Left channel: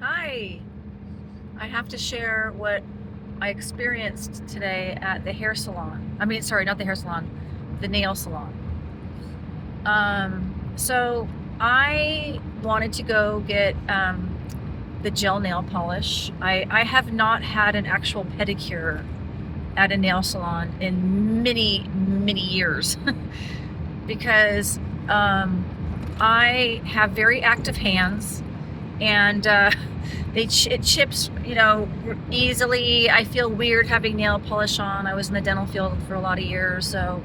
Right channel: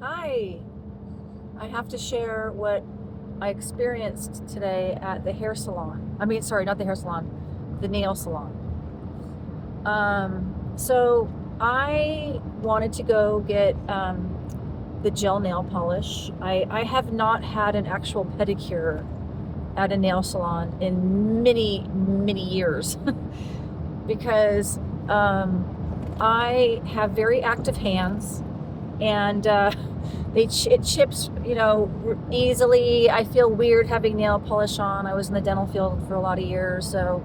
Hi. I have to share what I experienced today at the hair salon. I mean, sorry, not the hair salon, the nail salon. So I wanted to go get the gel nail polish. I have not had an actual pedicure at a nail salon in many, many years because I have very active hands and it chips, easily. I feel weird having nail polish on. I was in the dental field for a lot of years, so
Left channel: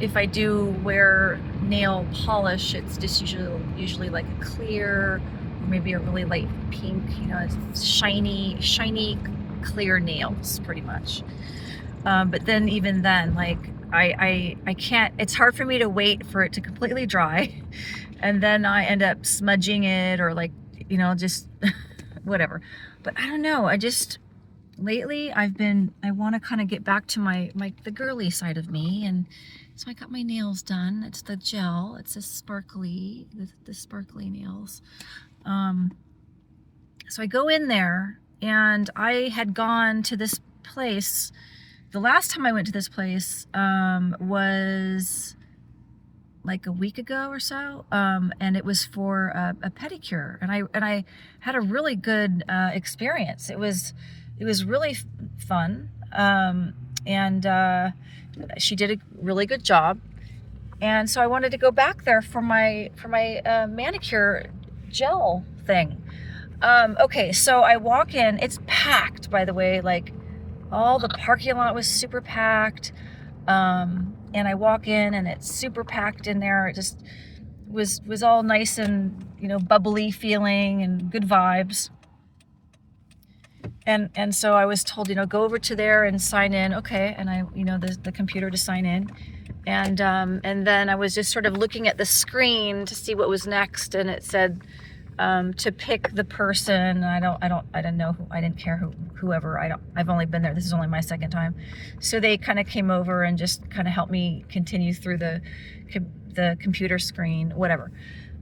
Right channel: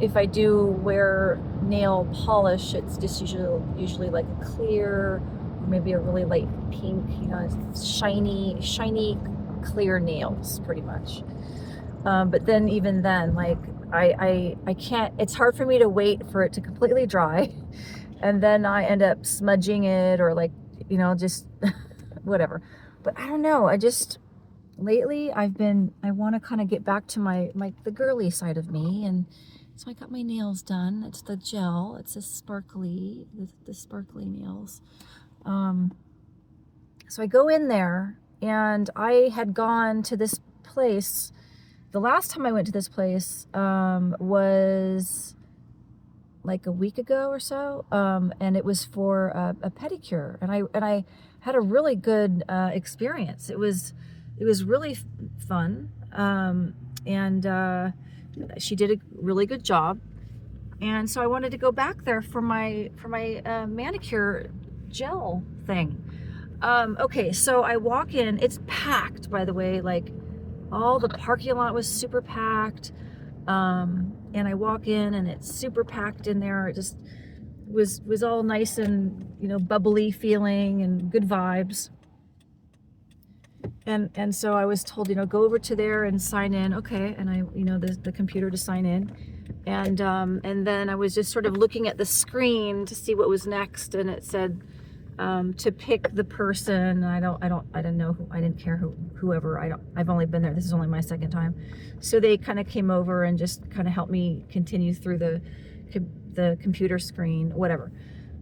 if I do wear nail polish, it's just usually like a clear, or maybe a really light pink. It's shiny, clear nails, pretty much. But then even then, like I can't. It's hard for me to wait for it to completely dry, and then I end up smudging it or like just whatever. But I don't know. I just lately I want to kind of get back to the girly side of me, and so I got my nails done. It's the gel. It's the sparkly nails. So I go in there, and I had gone to this place. The last time I went to this place was like a week ago or so, and it was for a pedicure, and I had a really good experience. It was really fun, and she did a really good job, and so I wanted to go back there for my manicure gel thing. Okay, so I walk in. It's packed, by the way. Like, all the parking lot was super packed. And I walk in, and it's super packed in there. It just was all nice and bubbly feeling and good vibes. And so I was told, go over to there and sign in. Okay, and I the computer to sign in, and then I was just sort of looking at the screen to see what was next, and it said to pick the person. I didn't know who. I didn't care whoever. I've only been there. This is only my second time. So they kind of came over and just kind of helped me continue through the computer screen, whatever.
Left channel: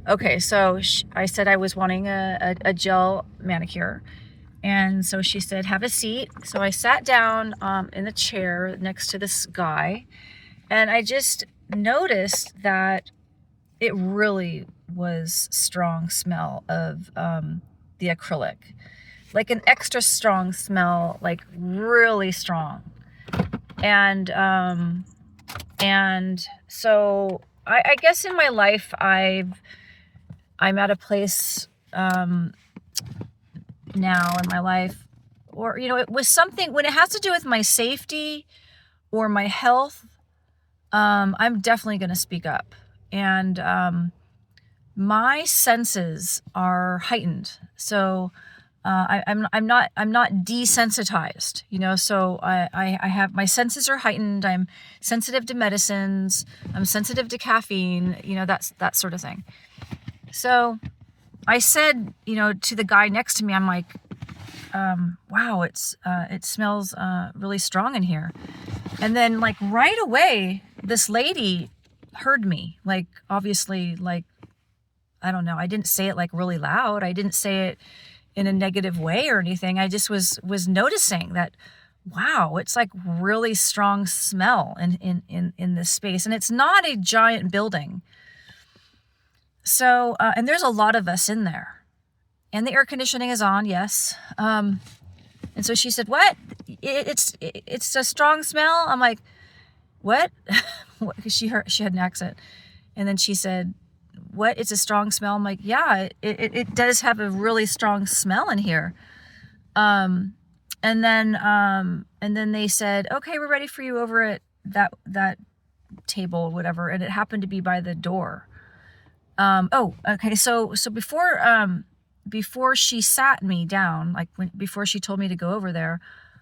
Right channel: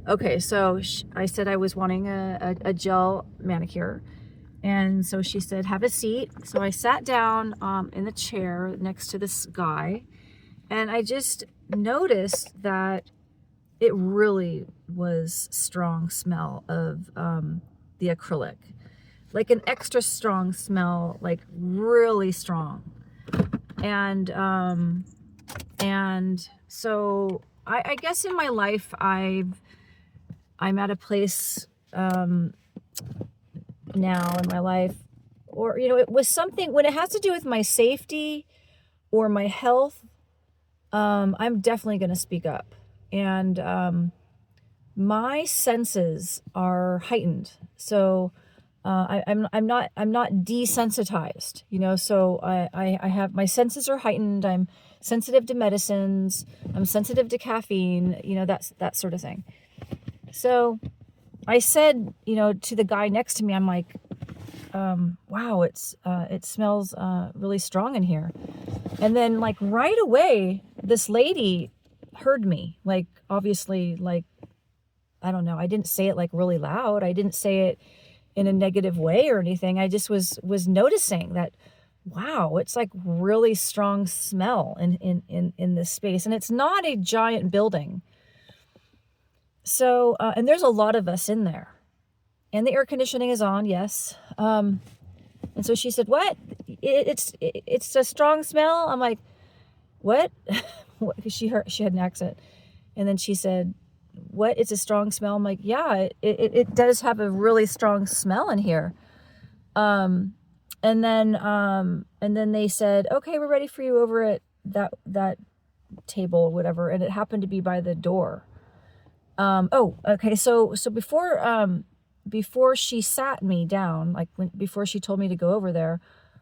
Okay, so I said I was wanting a gel manicure. And so she said, have a seat. So I sat down in the chair next to this guy, and I just noticed that it really was strong smell of the acrylic, like an extra strong smell, like really strong. And so I guess in my life I'm at a place now in my life, or it was something when it has to do with my safety or my health. I'm definitely going to speak up. And my senses are heightened, so I'm not desensitized, so I have, my senses are heightened. I'm sensitive to medicines, I'm sensitive to caffeine, that sort of thing. So I said, to the guy next to me, I'm like, wow, it smells really strong in here. And then, like, right away, this lady heard me, like, obviously, like, I don't know. I didn't say it like really loud. I didn't say it in a negative way or anything. I just was noticing that, wow, it's like really strong smell in this space. And it's not a giant building. So, and there's a lot of us in there, and the air conditioning is on. Yes. And so she said, what? It's a strong smell. I'm like, what? Because she had an accent. And then she said, what? It's a strong smell. I'm like, yeah, it does have a really strong smell in here. And then they said, okay, we're ready for you over at that table or whatever. And it happened to be by the door. Oh, okay. So before she sat me down, like before she told me to go over there,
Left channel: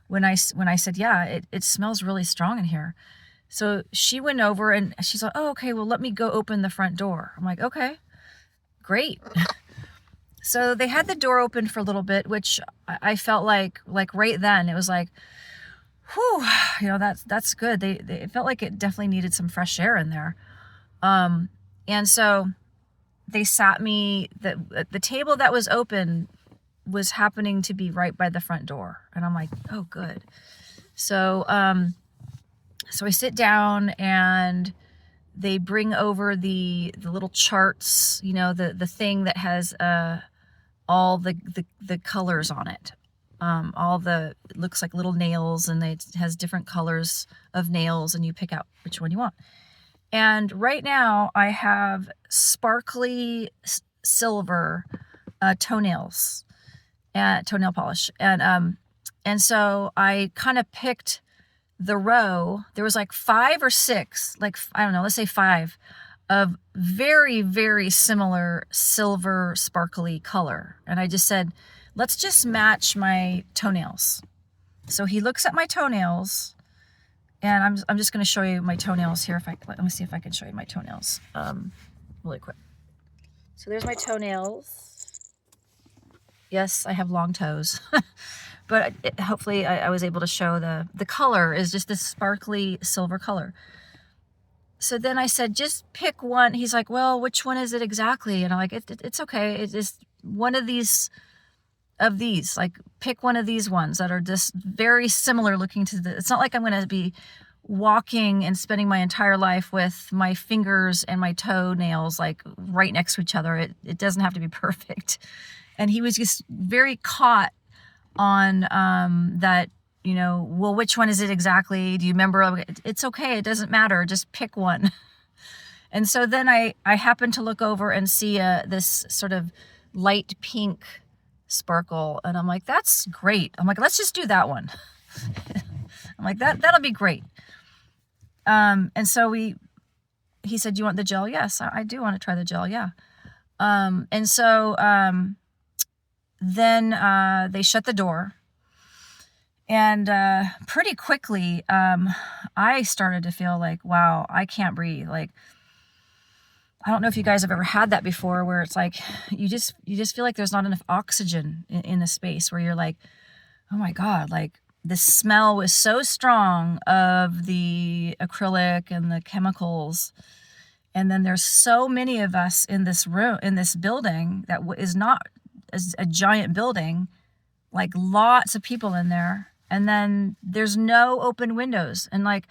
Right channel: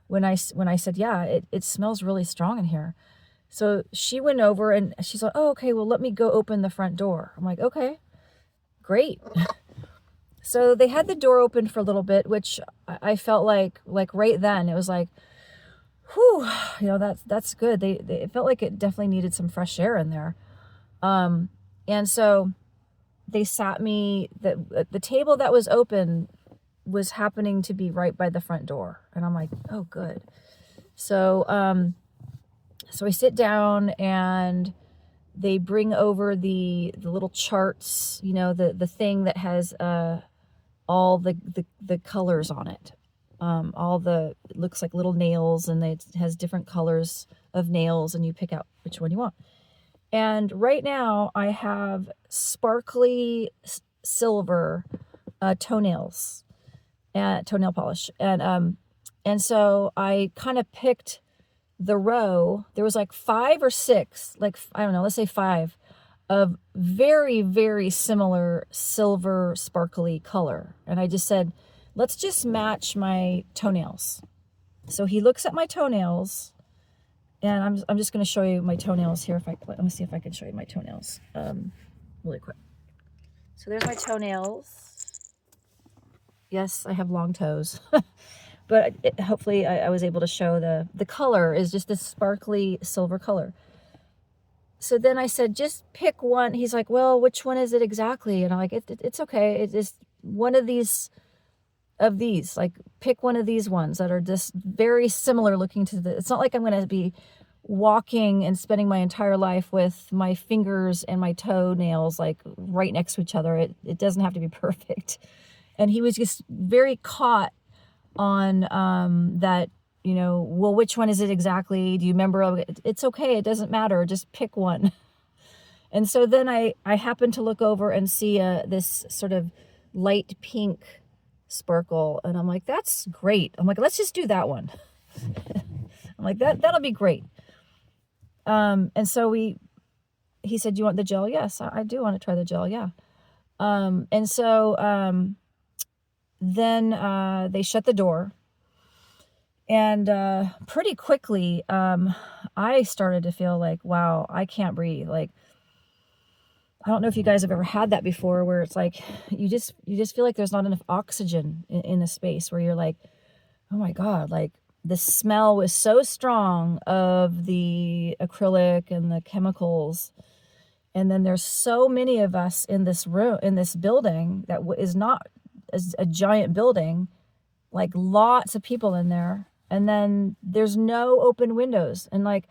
when I said, yeah, it smells really strong in here. So she went over and she's like, oh, okay, well, let me go open the front door. I'm like, okay, great. So they had the door open for a little bit, which I felt like right then it was like, whew, that's good. It felt like it definitely needed some fresh air in there. And so they sat me, the table that was open was happening to be right by the front door. And I'm like, oh, good. So, so I sit down and they bring over the little charts, you know, the thing that has all the colors on it. It looks like little nails, and it has different colors of nails, and you pick out which one you want. And right now I have sparkly silver toenails and toenail polish. And so I kind of picked the row. There was like 5 or 6, like, I don't know, let's say 5 of very, very similar silver sparkly color. And I just said, let's just match my toenails. So he looks at my toenails, and I'm just going to show you my toenails here. Let me see if I can show you my toenails really quick. So there's my toenails. Yes, I have long toes. But hopefully I was able to show the color is just this sparkly silver color. So then I said, just pick one. He's like, well, which one is it exactly? And I'm like, it's okay. It's just one of these, like, pick one of these ones that are just very similar looking to it's not like I'm going to be walking and spending my entire life with my fingers and my toenails like right next to each other. It doesn't have to be perfect. And he was just very caught on that, you know, well, which one is it exactly? Do you remember? It's okay. It doesn't matter. Just pick one. And so then I happened to look over and see this sort of light pink sparkle. And I'm like, that's great. I'm like, let's just do that one. I'm like, that'll be great. And so he said, do you want the gel? Yes, I do want to try the gel. Yeah. And so then they shut the door, and pretty quickly I started to feel like, wow, I can't breathe. Like, I don't know if you guys have ever had that before, where it's like you just feel like there's not enough oxygen in the space, where you're like, oh my God, like the smell was so strong of the acrylic and the chemicals. And then there's so many of us in this room, in this building that is not a giant building, like lots of people in there. And then there's no open windows. And like,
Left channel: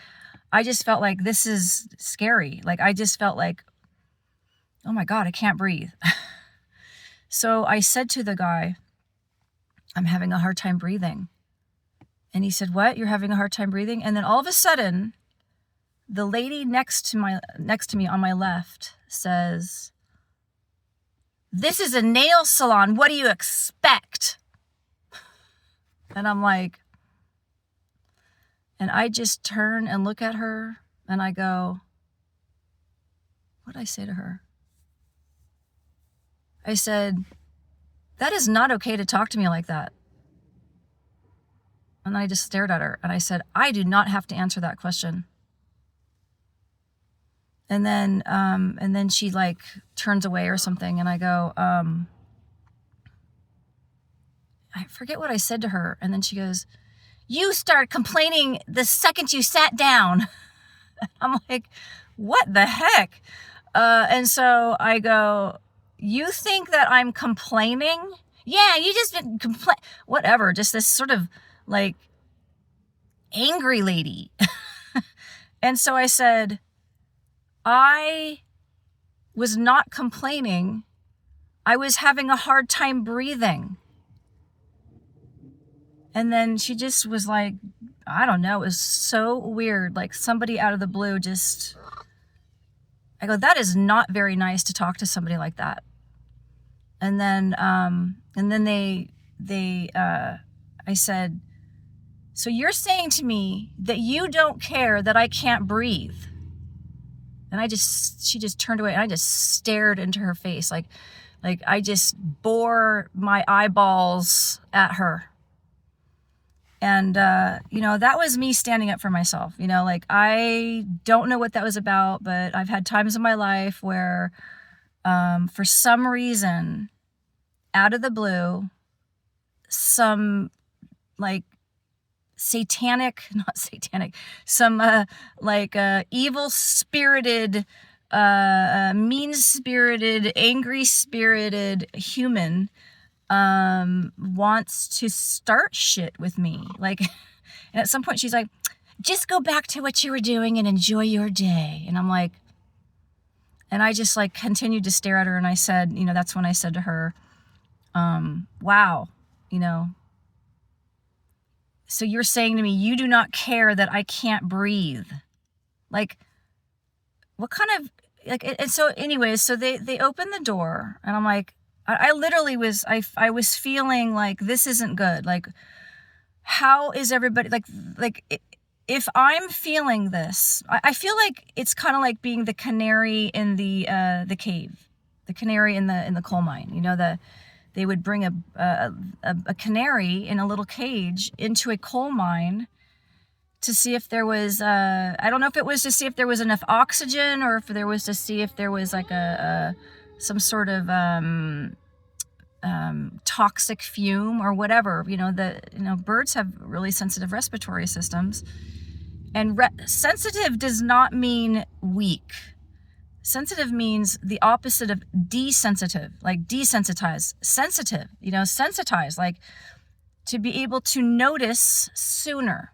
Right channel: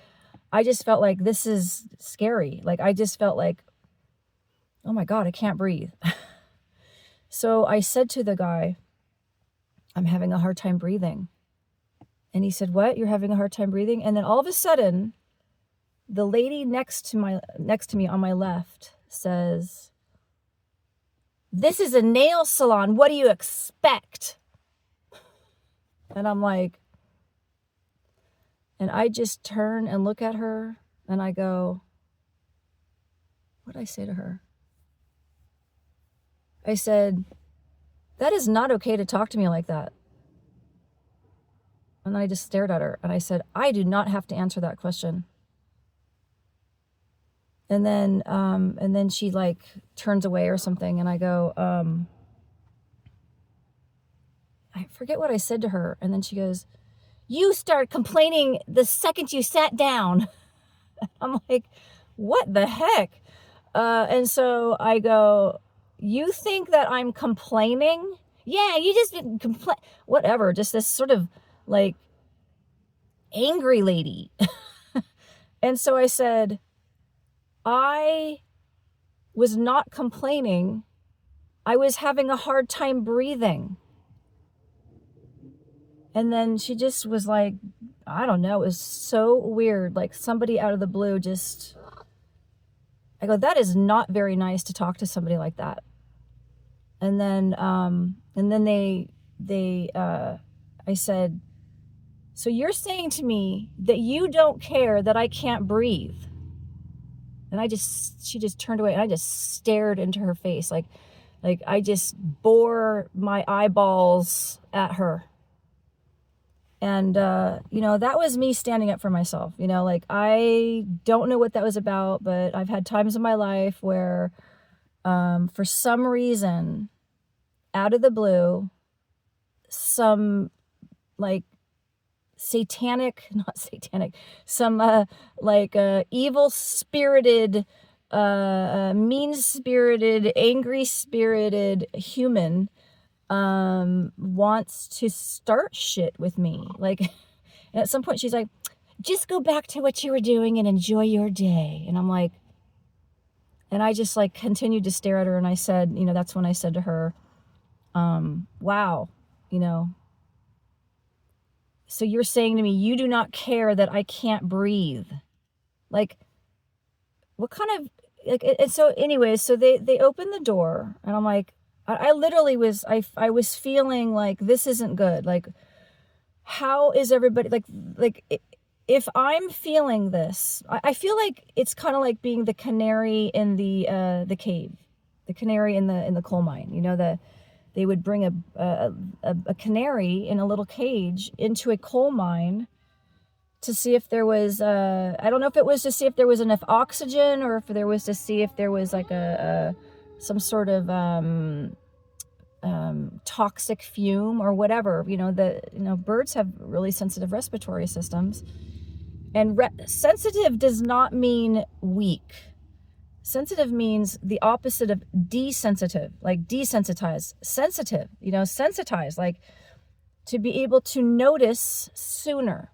I just felt like this is scary. Like, I just felt like, oh my God, I can't breathe. So I said to the guy, I'm having a hard time breathing. And he said, what? You're having a hard time breathing? And then all of a sudden, the lady next to me on my left says, this is a nail salon. What do you expect? And I'm like, and I just turn and look at her and I go, what did I say to her? I said, that is not okay to talk to me like that. And I just stared at her and I said, I do not have to answer that question. And then she like turns away or something. And I go, I forget what I said to her. And then she goes, you start complaining the second you sat down. I'm like, what the heck? And so I go, you think that I'm complaining? Yeah, you just been whatever. Just this sort of like angry lady. And so I said, I was not complaining. I was having a hard time breathing. And then she just was like, I don't know. It was so weird. Like somebody out of the blue just, I go, that is not very nice to talk to somebody like that. And then I said, so you're saying to me that you don't care that I can't breathe? And she just turned away and I just stared into her face. Like I just bore my eyeballs at her. And, you know, that was me standing up for myself. You know, like I don't know what that was about, but I've had times in my life where, for some reason, out of the blue, some like some evil spirited, mean spirited, angry spirited human wants to start shit with me. Like, and at some point she's like, just go back to what you were doing and enjoy your day. And I'm like, and I just like continued to stare at her. And I said, that's when I said to her, wow, so you're saying to me, you do not care that I can't breathe. Like, what kind of, like, and so anyways, so they opened the door and I'm like, I literally was, I was feeling like this isn't good. Like, how is everybody if I'm feeling this, I feel like it's kind of like being the canary in the cave, the canary in the coal mine, they would bring a canary in a little cage into a coal mine to see if there was, I don't know if it was to see if there was enough oxygen or if there was to see if there was like some sort of toxic fume or whatever. Birds have really sensitive respiratory systems, and sensitive does not mean weak. Sensitive means the opposite of desensitive, like desensitize. Sensitive, sensitize, like to be able to notice sooner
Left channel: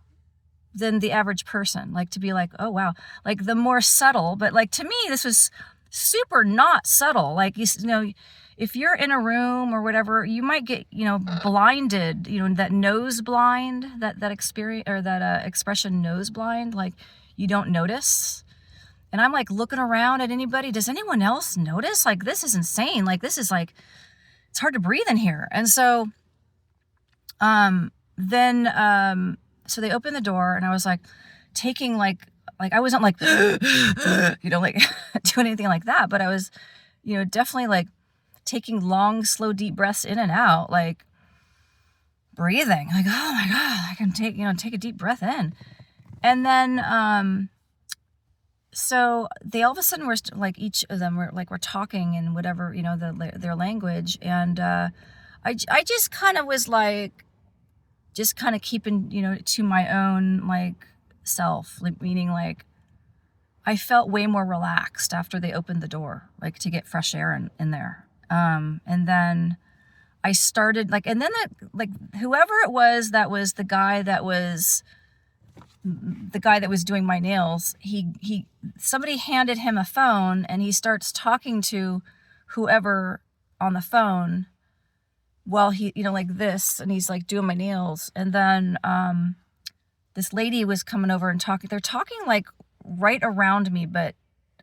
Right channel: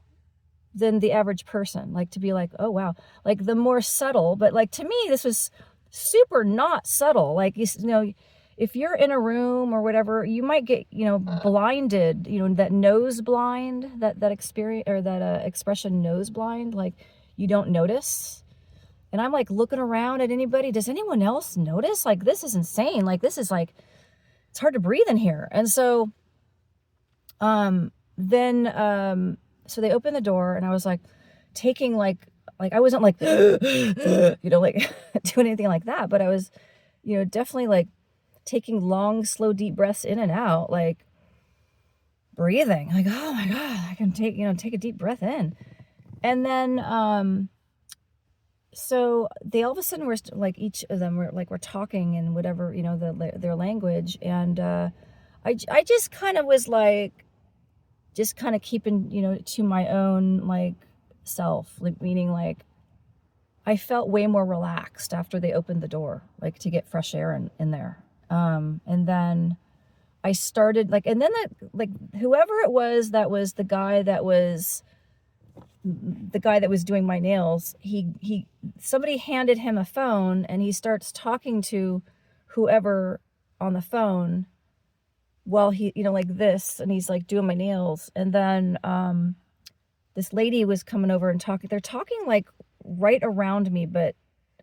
than the average person, like to be like, oh wow, like the more subtle. But like, to me, this was super not subtle. Like, if you're in a room or whatever, you might get, blinded, that nose blind, that experience, or that expression, nose blind, like you don't notice. And I'm like looking around at anybody. Does anyone else notice? Like, this is insane. Like, this is like, it's hard to breathe in here. And so, so they opened the door and I was like taking like I wasn't like, like doing anything like that, but I was, definitely like taking long, slow, deep breaths in and out, like breathing, like, oh my God, I can take a deep breath in. And then, so they all of a sudden were like, each of them were like, we're talking in whatever, their language. And, I just kind of was like, just kind of keeping, to my own like self, like, meaning like I felt way more relaxed after they opened the door, like to get fresh air in there. And then I started like, and then whoever it was, that was the guy that was doing my nails, somebody handed him a phone and he starts talking to whoever on the phone while he, like this, and he's like doing my nails. And then, this lady was coming over and they're talking like right around me, but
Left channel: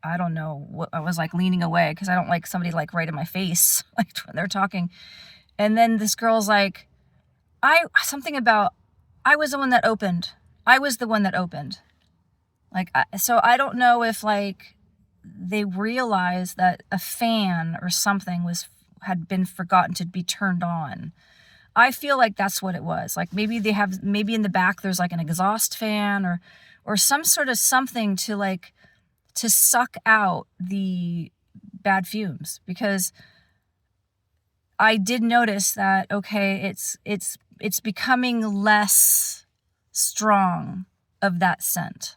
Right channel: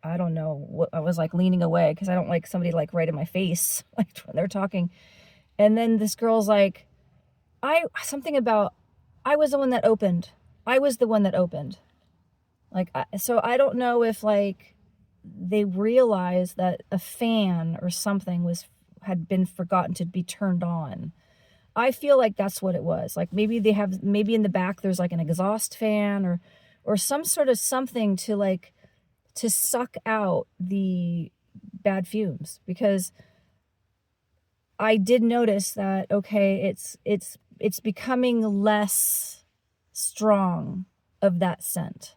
I don't know what, I was like leaning away because I don't like somebody like right in my face, like when they're talking. And then this girl's like, something about, I was the one that opened. I was the one that opened. Like, so I don't know if like they realized that a fan or something had been forgotten to be turned on. I feel like that's what it was. Like maybe in the back there's like an exhaust fan or some sort of something to suck out the bad fumes, because I did notice that, okay, it's becoming less strong of that scent.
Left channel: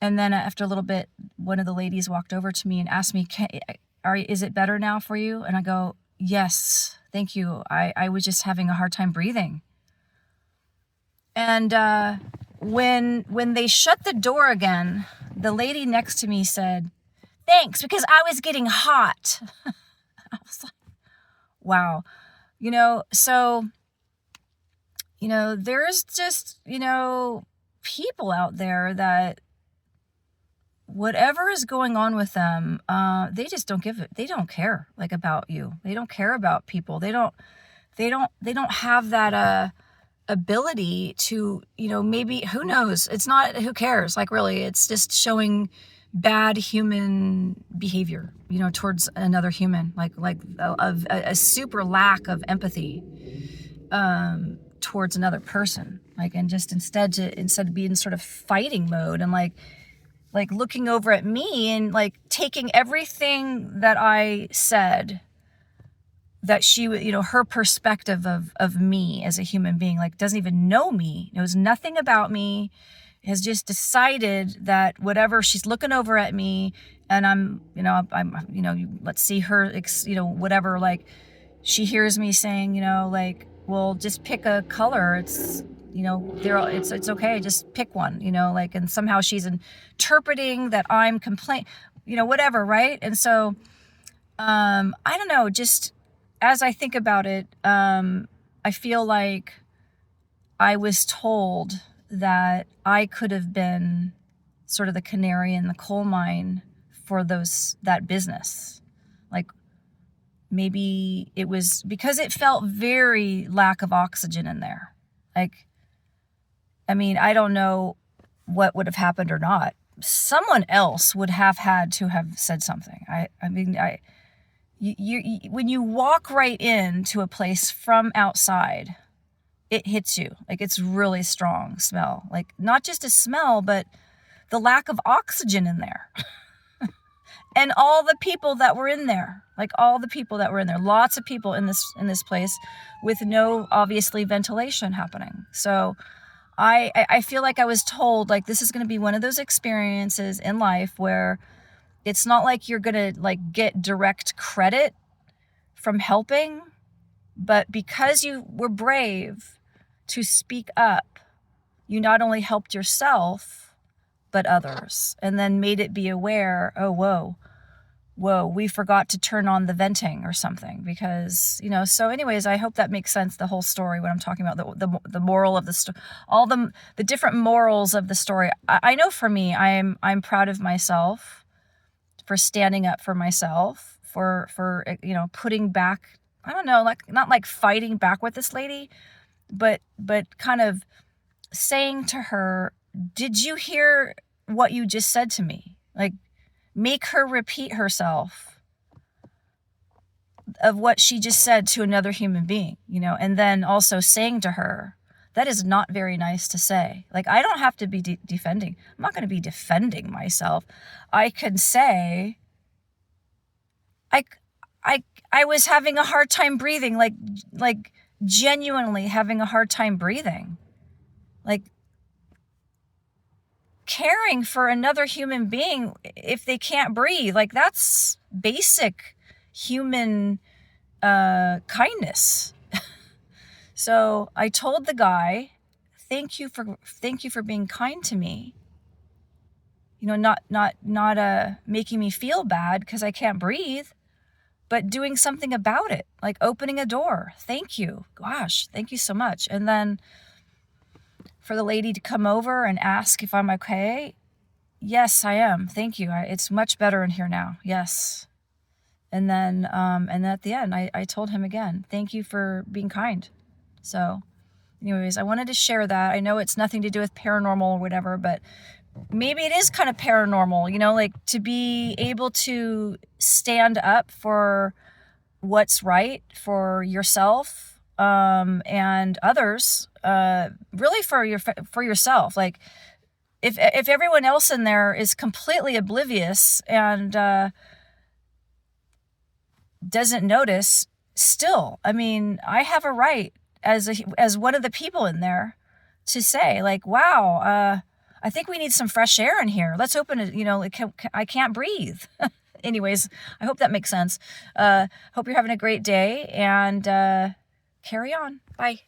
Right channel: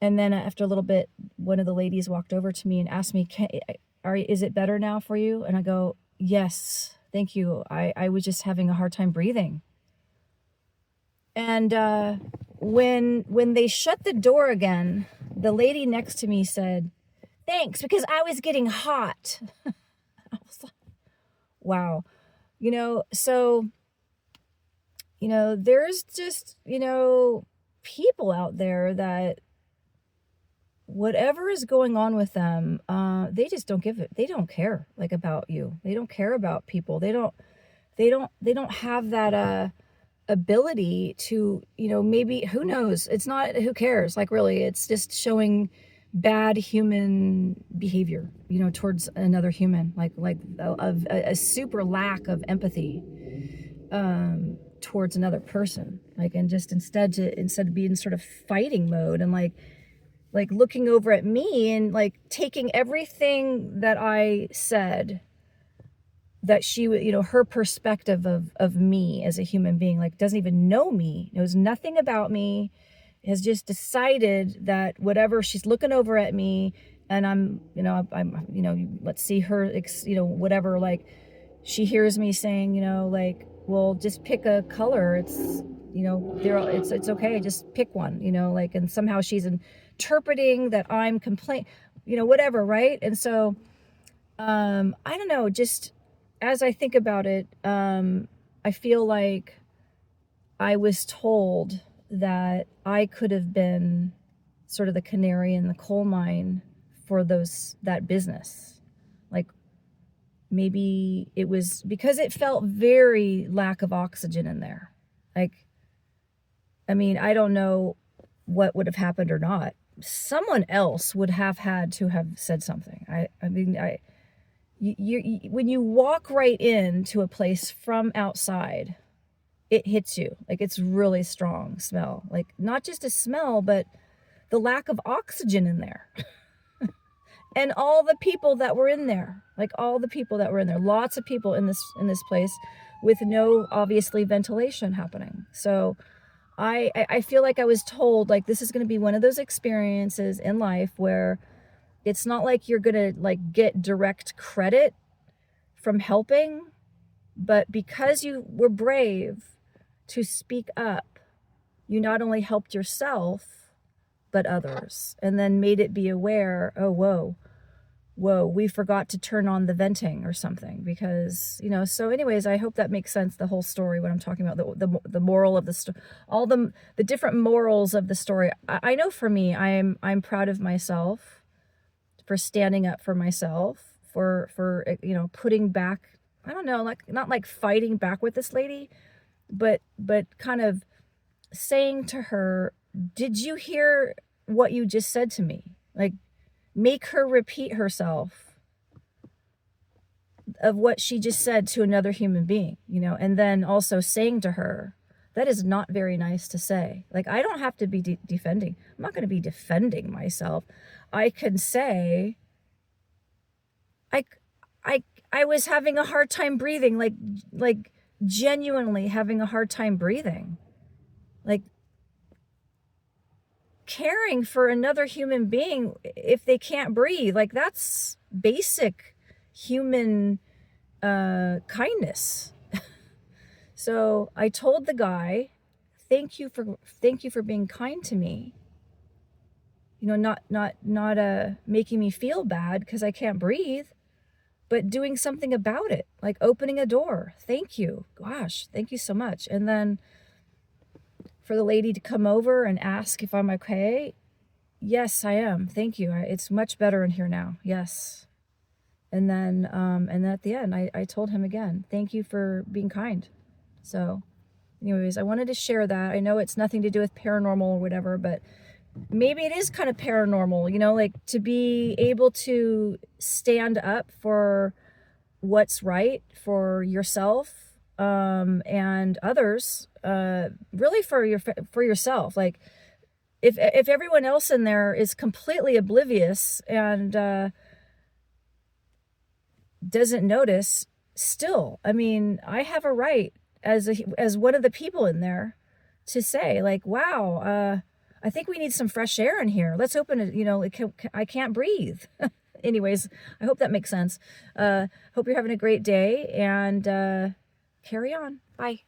And then after a little bit, one of the ladies walked over to me and asked me, is it better now for you? And I go, yes, thank you. I was just having a hard time breathing. And when they shut the door again, the lady next to me said, thanks, because I was getting hot. I was like, wow. So, there's just, people out there that whatever is going on with them, they just don't they don't care like about you. They don't care about people. They don't have that, ability to, maybe, who knows? It's not, who cares? Like, really, it's just showing bad human behavior, towards another human, like a super lack of empathy, towards another person. Like, and just instead of being sort of fighting mode and like looking over at me and like taking everything that I said, that she, her perspective of me as a human being, like doesn't even know me, knows nothing about me, has just decided that whatever, she's looking over at me and I'm let's see her, whatever, like she hears me saying, like, well, just pick a color. It's, it's okay. Just pick one, like, and somehow she's interpreting that I'm whatever. Right. And so, I don't know, just as I think about it, I feel like I was told that I could have been sort of the canary in the coal mine for that business. Like, maybe it was because it felt very lack of oxygen in there. Like, I mean, I don't know what would have happened or not. Someone else would have had to have said something. When you walk right into a place from outside, it hits you. Like, it's really strong smell. Like, not just a smell, but the lack of oxygen in there. And all the people that were in there, lots of people in this place with no, obviously, ventilation happening. So I feel like I was told, like, this is going to be one of those experiences in life where it's not like you're going to, like, get direct credit from helping, but because you were brave to speak up, you not only helped yourself, but others, and then made it be aware, oh, whoa, we forgot to turn on the venting or something, because, so anyways, I hope that makes sense, the whole story, what I'm talking about, the moral of the story, all the different morals of the story. I know for me, I'm proud of myself for standing up for myself, for putting back, I don't know, like, not like fighting back with this lady, but kind of saying to her, did you hear what you just said to me? Like, make her repeat herself of what she just said to another human being, and then also saying to her, that is not very nice to say. Like, I don't have to be defending. I'm not going to be defending myself. I can say, I was having a hard time breathing, like genuinely having a hard time breathing. Like, caring for another human being if they can't breathe, like, that's basic human kindness. So I told the guy, thank you for being kind to me, not making me feel bad because I can't breathe, but doing something about it, like opening a door. Thank you, gosh, thank you so much. And then for the lady to come over and ask if I'm okay. Yes, I am. Thank you. It's much better in here now. Yes. And then at the end, I told him again, thank you for being kind. So anyways, I wanted to share that. I know it's nothing to do with paranormal or whatever, but maybe it is kind of paranormal, like, to be able to stand up for what's right for yourself, and others, really for yourself. Like, if everyone else in there is completely oblivious and doesn't notice, still, I mean, I have a right as one of the people in there to say, like, wow, I think we need some fresh air in here. Let's open it. I can't breathe. Anyways, I hope that makes sense. Hope you're having a great day, and carry on. Bye.